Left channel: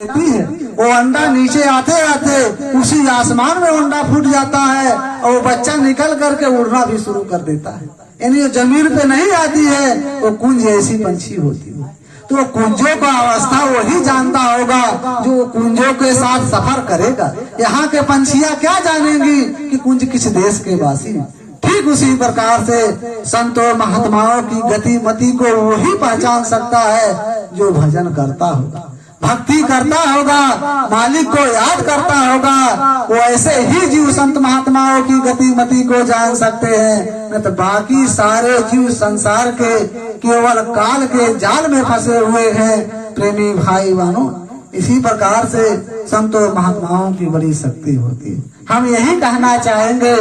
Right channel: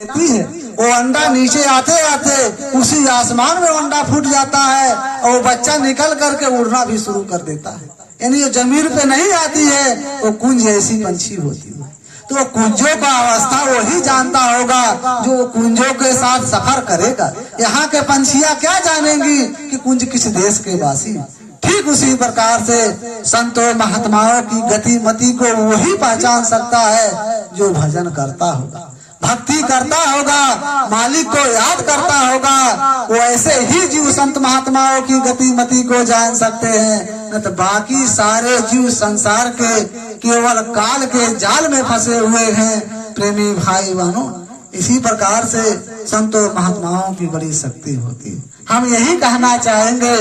देती है, वो अंडा नीचे आते आते उसी आसमान में अंडा फूट जाता है और वो बच्चा निकल करके उड़ना भी शुरू कर देता है। यानी वो जमीन पे नहीं आती है, वो कुंज ऐसी पंछी होती है। तो वो कुंजों का अवस्था वही जानता होगा जो कुंजों के साथ सफर करेगा। यहाँ के पंछियां क्या जानेंगी कि कुंज किस देश के वासी। ठीक उसी प्रकार से संतों महात्माओं की गति मति को वही पहचान सकता है जो भजन करता होगा, भक्ति करता होगा, मालिक को याद करता होगा। वो ऐसे ही जीव संत महात्माओं की गति मति को जान सकते हैं, न तो बाकी सारे जीव संसार के केवल काल के जाल में फंसे हुए हैं। प्रेमी भाई बहनों, इसी प्रकार से संतों महात्माओं की बड़ी शक्ति होती है। हम यही कहना चाहेंगे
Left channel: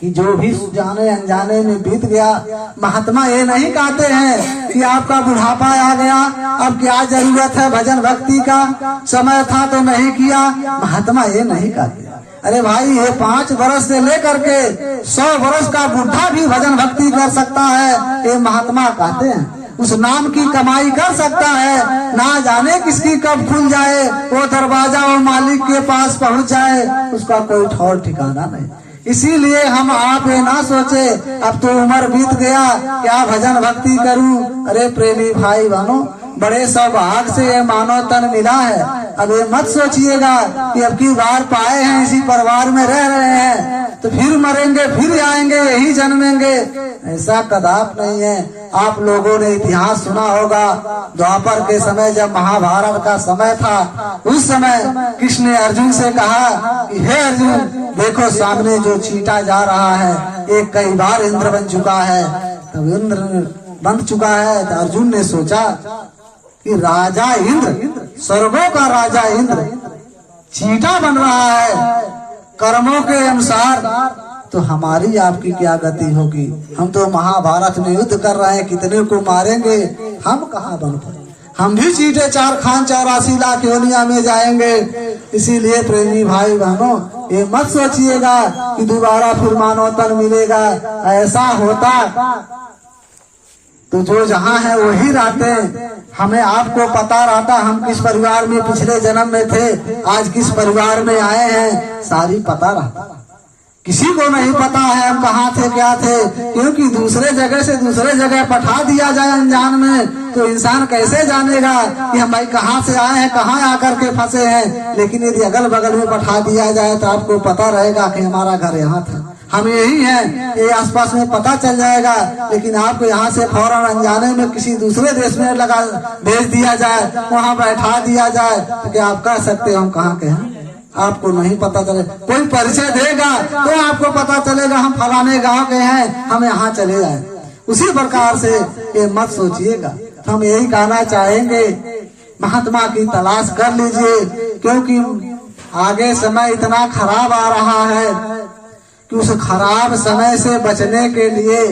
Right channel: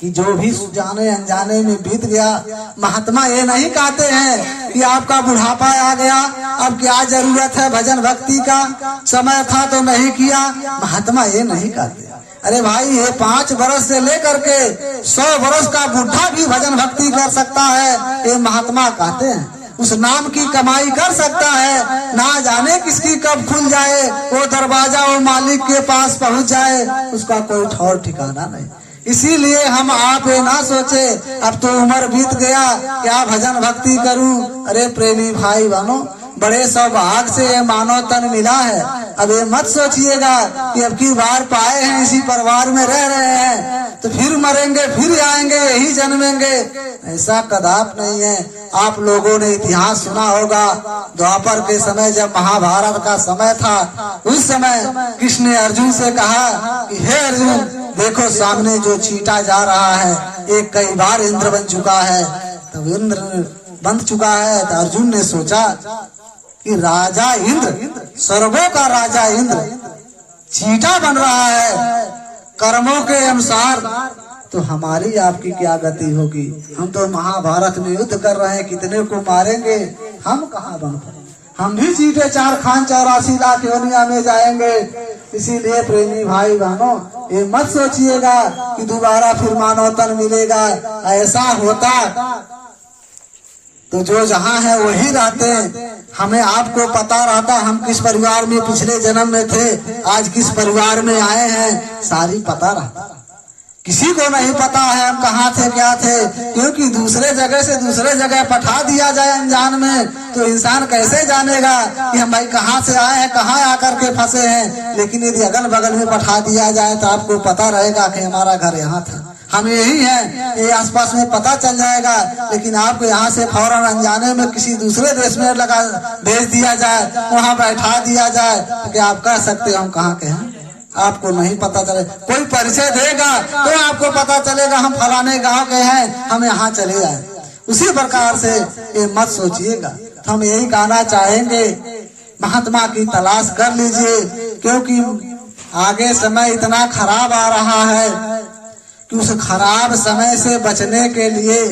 कि जो भी जाने अनजाने में बीत गया, महात्मा ये नहीं कहते हैं कि आपका बुढ़ापा आ गया, अब क्या जरूरत है भजन भक्ति का, समय था तो नहीं किया। महात्मा ये नहीं कहते। अरे भाई, ये 5 वर्ष से लेकर के 100 वर्ष का बुढ़ा भी भजन भक्ति कर सकता है, ये महात्मा कहते हैं। उस नाम की कमाई कर सकता है, ना जाने किसकी कब खुल जाए वो दरवाजा, वो मालिक के पास पहुंच जाए, उसका कोई ठौर ठिकाना नहीं। इसीलिए हम आप ये ना सोचे अब तो उम्र बीत गया, क्या भजन भक्ति करूं। अरे प्रेमी भाई बहनों, बड़े सौभाग्य से ये मानव तन मिला है। अब ये मत सोचिएगा कि अब की बार पाए हैं, इसी परिवार में रह रहे हैं तो फिर मरेंगे फिर आएंगे यही जन्मेंगे, ऐसा कदाप नहीं है। आप लोगों ने इतिहास सुना होगा, द्वापर के समय जब महाभारत का समय था, उस समय कृष्ण ने अर्जुन से कहा कि हे अर्जुन, देखो सामने जो चींटा जा रहा है, एक कई बार इंद्र बन चुका है। तब इंद्र बन चुका है तो अर्जुन ने सोचा कि राजा इंद्र, स्वर्गों का राजा इंद्र चींटा बन रहा है कर्मों के अनुसार, तो हमारी आपकी क्या गति होगी। हम तो महाभारत में युद्ध कर रहे हैं, कितने को मारेंगे, हम कहाँ बन पाए। हम भी चीटे 4 खान 84 लाख योनिया में जाएंगे। इसीलिए प्रेमी भाई बहनों, ये मत सोचिएगा कि दोबारा फिर मानव तन मिलेगा। ऐसा होता तो जो जहाँ है वही रहते। हमें आपको पता रहता हम किस परिवार में पिछले जन्म में थे, आज किस परिवार में आए हैं, सारी पता रहता। किसी को नहीं पता है हम कहाँ थे क्या थे, क्योंकि दूसरे जगह से दूसरे जगह पठा दिया जाए अनजान में तो इंसान कैसे जानेगा कि हम भाई कहाँ से आए हैं, कहाँ आकर के फंसे हैं। लेकिन यदि अगल बगल में पठा दिया जाए तो आपको पता रहेगा कि हमारा घर यहाँ था, हम यही हैं, ये आसपास में पता चल जाएगा। लेकिन आपको यहाँ से फौरन अनजाने में किसी दूसरे देश में लगा भेज दिया जाए, वहाँ बैठा दिया जाए, तो क्या आप कह सकते हो हम कहाँ के हैं। आपको नहीं पता चले, कोई परिचय देगा तो आपको पता चलेगा हम फलाने गांव के हैं, हम यहाँ चले आए। उसी प्रकार से ये मत सोचिएगा। हम यही कहना चाहेंगे, महात्मा की तलाश कर लीजिए, क्योंकि आगे समय इतना खराब आ रहा है कि उस खराब समय से बचने के लिए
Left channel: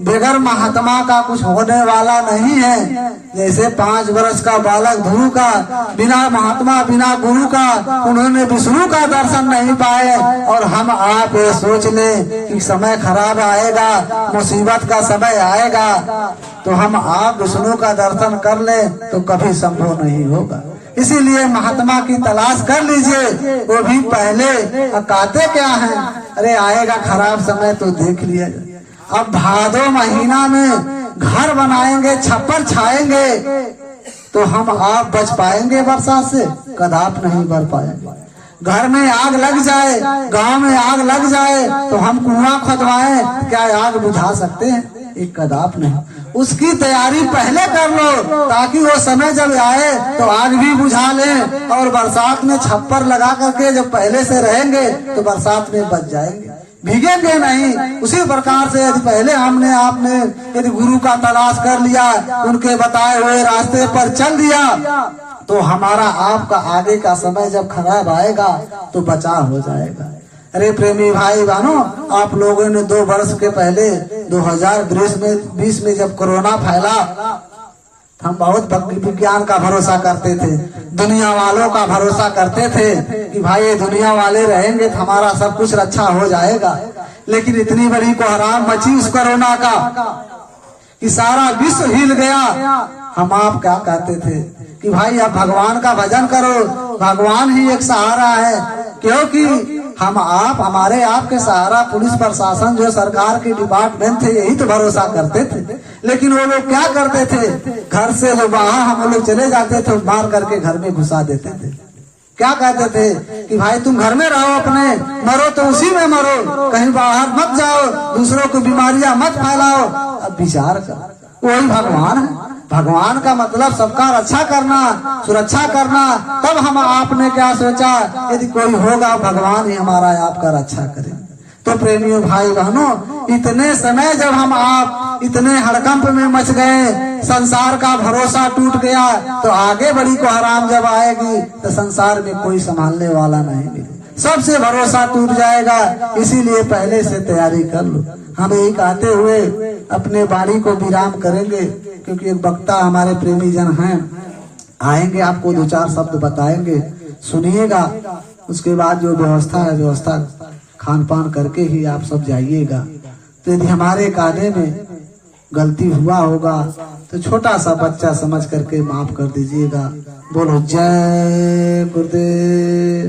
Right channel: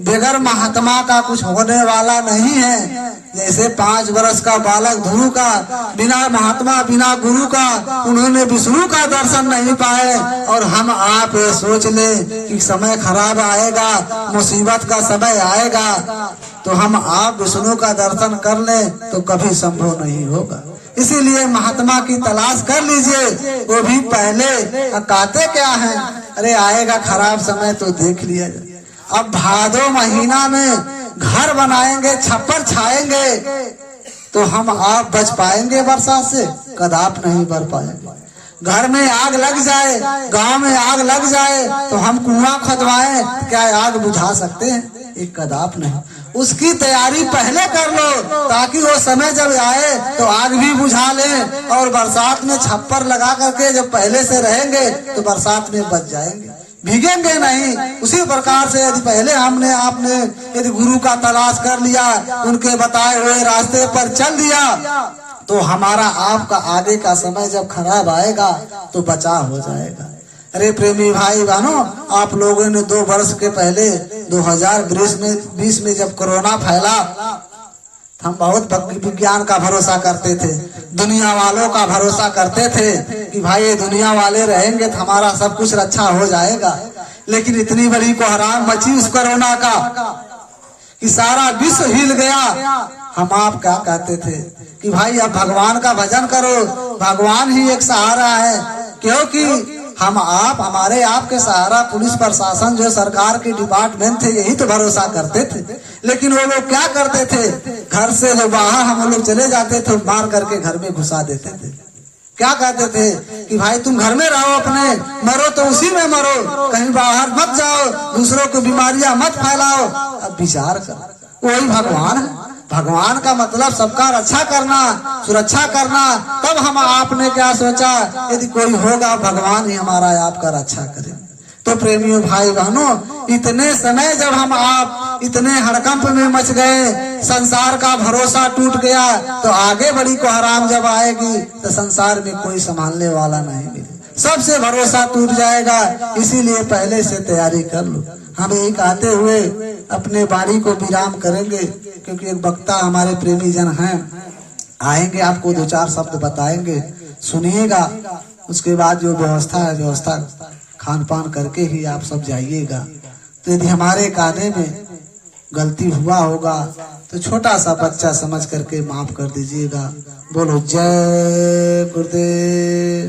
बगैर महात्मा का कुछ होने वाला नहीं है। जैसे 5 वर्ष का बालक ध्रुव का बिना महात्मा बिना गुरु का उन्होंने विष्णु का दर्शन नहीं पाए, और हम आप सोच लें कि समय खराब आएगा, मुसीबत का समय आएगा तो हम आप विष्णु का दर्शन कर लें, तो कभी संभव नहीं होगा। इसीलिए महात्मा की तलाश कर लीजिए, वो भी पहले। कहते क्या है, अरे आएगा खराब समय तो देख लिया। अब भादो महीना में घर बनाएंगे, छप्पर छाएंगे, तो हम आप बच पाएंगे वर्षा से, कदाप नहीं कर पाएंगे। घर में आग लग जाए, गांव में आग लग जाए, तो हम कुआं खोदवाएं, क्या आग बुझा सकते हैं, एक कदाप नहीं। उसकी तैयारी पहले कर लो, ताकि वो समय जब आए तो आग भी बुझा लें, और बरसात में छप्पर लगा करके जब पहले से रहेंगे तो बरसात में बच जाएंगे, भीगेंगे नहीं। उसी प्रकार से यदि पहले हमने आपने यदि गुरु का तलाश कर लिया, उनके बताए हुए रास्ते पर चल दिया, तो हमारा आपका आगे का समय जब खराब आएगा तो बचाव हो जाएगा। अरे प्रेमी भाई बहनों, आप लोगों ने 2 वर्ष के पहले 2020 में जब कोरोना फैला, हम बहुत विज्ञान का भरोसा करते थे, दुनिया वालों का भरोसा करते थे कि भाई ये दुनिया वाले रहेंगे तो हमारा सब कुछ रक्षा हो जाएगा। लेकिन इतनी बड़ी कोहराम मची उस कोरोना का कि सारा विश्व हिल गया। हम आप क्या कहते थे कि भाई आप भगवान का भजन करो, भगवान ही एक सहारा है। क्योंकि हम आप हमारे आपके सहारा पुलिस प्रशासन जो सरकार के डिपार्टमेंट थे यही तो भरोसा करते थे। लेकिन वो लोग क्या करते थे, घर से लोग बाहर हम लोग चले जाते थे, मार करके घर में घुसा देते थे। क्या कहते थे कि भाई तुम घर में रहो, अपने मरो तो उसी में मरो, कहीं बाहर मत जाओ, दूसरों को बीमारियां मत फैलाओ। अब विचार कर, वही भगवान है। भगवान का मतलब सबका रक्षा करना, सुरक्षा करना। तब हम आपने क्या सोचा, यदि कोई होगा भगवान ही हमारा आपका रक्षा करे। तो प्रेमियों भाई बहनों, इतने समय जब हम आप इतने हड़कंप में मच गए, संसार का भरोसा टूट गया, तो आगे बड़ी कोहराम जब आएगी तो संसार में कोई संभालने वाला नहीं मिले, सबसे भरोसा टूट जाएगा। इसीलिए पहले से तैयारी कर लो। हम यही कहते हुए अपने वाणी को विराम करेंगे, क्योंकि एक वक्ता हमारे प्रेमी जन हैं, आएंगे, आपको दो चार शब्द बताएंगे, सुनिएगा। उसके बाद जो व्यवस्था है, व्यवस्था खान पान करके ही आप सब जाइएगा। तो यदि हमारे गाने में गलती हुआ होगा तो छोटा सा बच्चा समझ करके माफ कर दीजिएगा। बोलो जय गुरुदेव।